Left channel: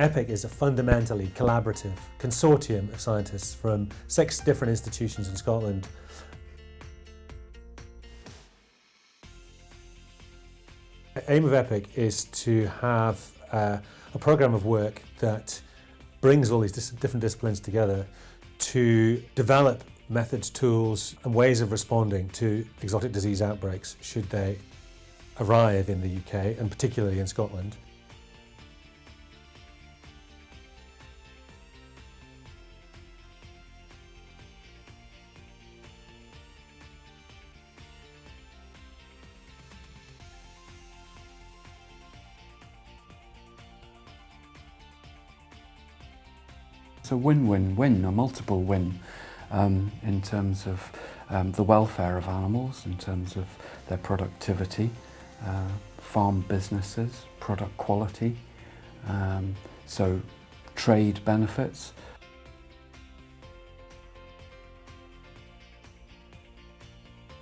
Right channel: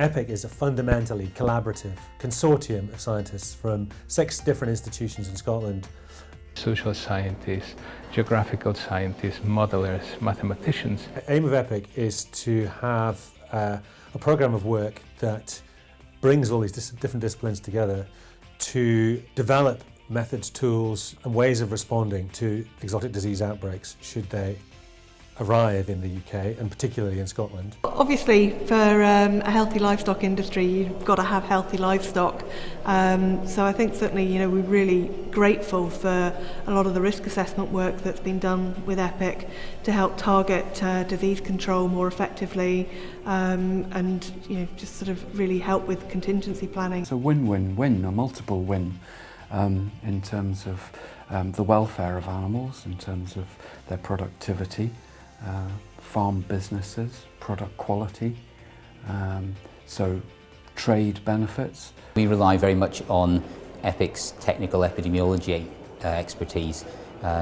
EPIC is a fundamentally collaborative consortium of scientists from 6 different institutions in Scotland. Social scientists, geographical scientists, modelers, mathematicians. The aim of EPIC is to have a programme of work that brings all these different disciplines together to develop methods, tools and ways of responding to exotic disease outbreaks should they arrive in the UK and particularly in Scotland. Obviously for a healthy livestock industry you've got to have healthy livestock, so I think certainly we're really grateful for a lot of the risk assessment work that's been done with EPIC to help target disease control more effectively and just sort of really help with contingency planning. It's a win-win-win, a multiple win. In terms of the welfare of animals, in terms of their productivity, farm businesses, product quality, so trade benefits. We rely very much on EPIC's technical epidemiology expertise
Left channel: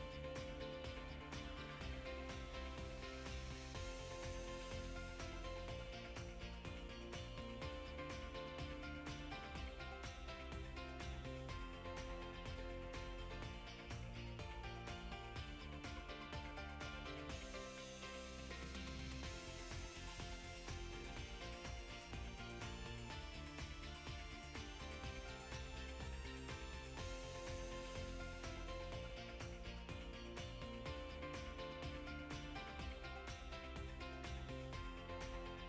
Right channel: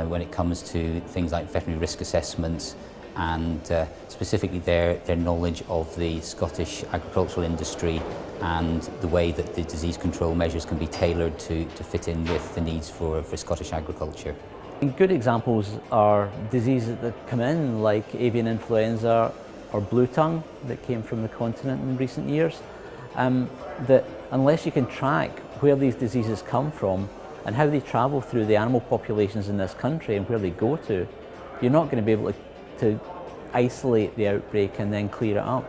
when it comes to things like veterinary risk assessments and specifically their knowledge of the Scottish agricultural industry and the way that the disease control measures can be tailored to fit in with the needs for Scottish agriculture. Good examples are diseases that come in like avian influenza or blue tongue that came from the continent in recent years. That unless you can track where these diseases come from and how they travel through the animal populations in this country and where they go to, you're not going to be able to isolate the outbreak and then clear it up.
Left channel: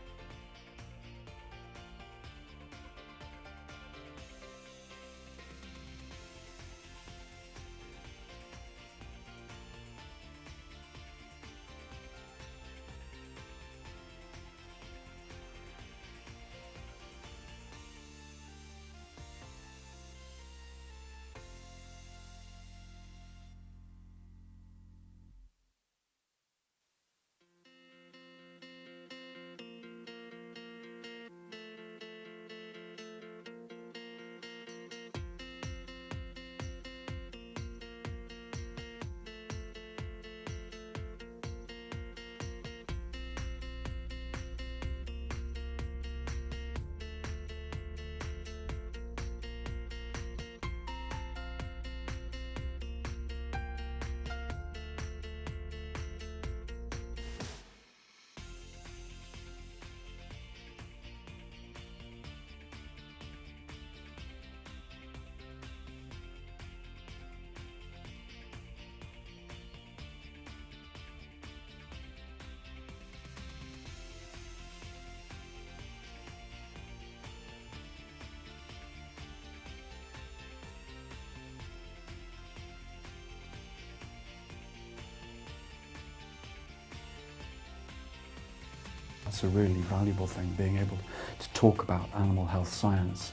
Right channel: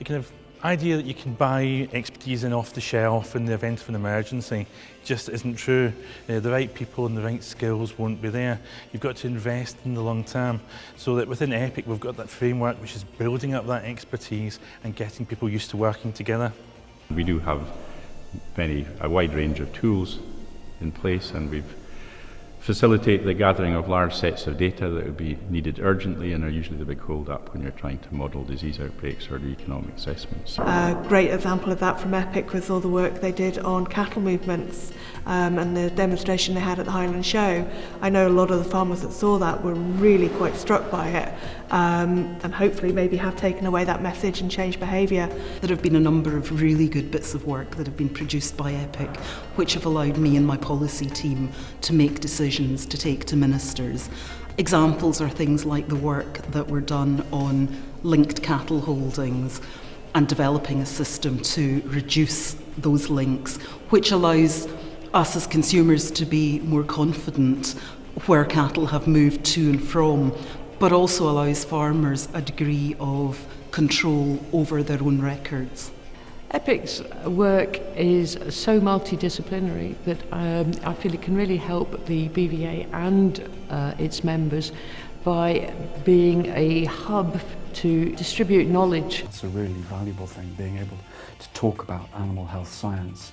The kind of idea that you can buy expertise in off the shelf in the event of an emergency just isn't true. The right people and the right skills won't be there. You've got to invest in the long term, so that within EPIC we've got that framework which is building up that expertise and getting people used to working together. We do have a wide range of tools in place, and we've facilitate the gathering of large sets of data that would be needed urgently and are usually the big hold-up when you're trying to model disease outbreaks or do economic assessments. A great example of that from EPIC was all the work they did on cattle movements and the demonstration they had at the Highland Show. I know a lot of the farmers that saw that were really quite struck by it and hopefully maybe have taken away that message and changed behaviour. There have been a number of really good bits of work that have been produced by EPIC which have allowed me and my policy team to make decisions to take to ministers. Examples are things like the work that were done on linked cattle holdings and developing a system to reduce those links, which allows us as consumers to be more confident where cattle have moved to and from, but also allows farmers a degree of control over their own records. EPIC's work is so multidisciplinary that I feel it can really help the BVA and its members by being a hub to distribute knowledge. It's a really valuable thing, being able to talk about animal health science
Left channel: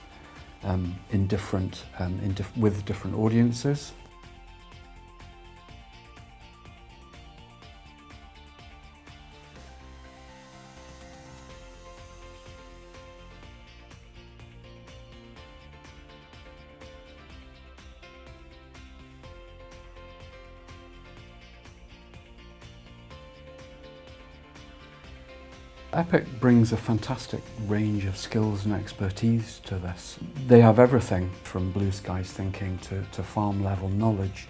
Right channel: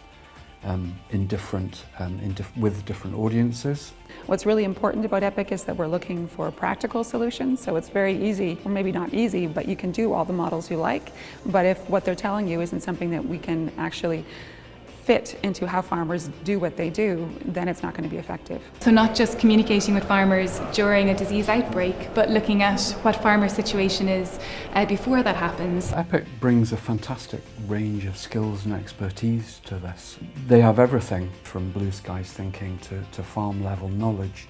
with different audiences. What's really important about EPIC is that we're looking for practical solutions, so it's very easy, or maybe not easy, but you can do all the models you like, but if what they're telling you isn't something that we can actually fit into how farmers do what they do, then it's not going to be effective. So not just communicating with farmers during a disease outbreak, but looking at what farmer situation is before that happens. EPIC brings a fantastic range of skills and expertise to this. They have everything from blue skies thinking to farm level knowledge,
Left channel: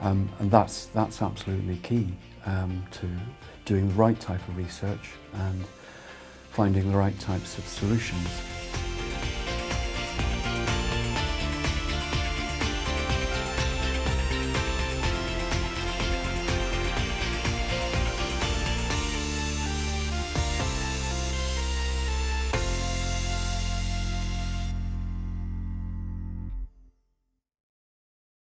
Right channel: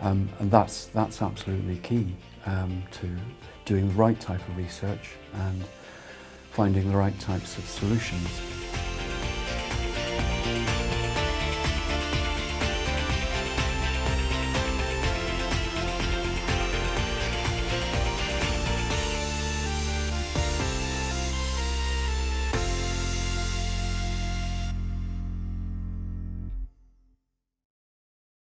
and that's absolutely key to doing the right type of research and finding the right types of solutions.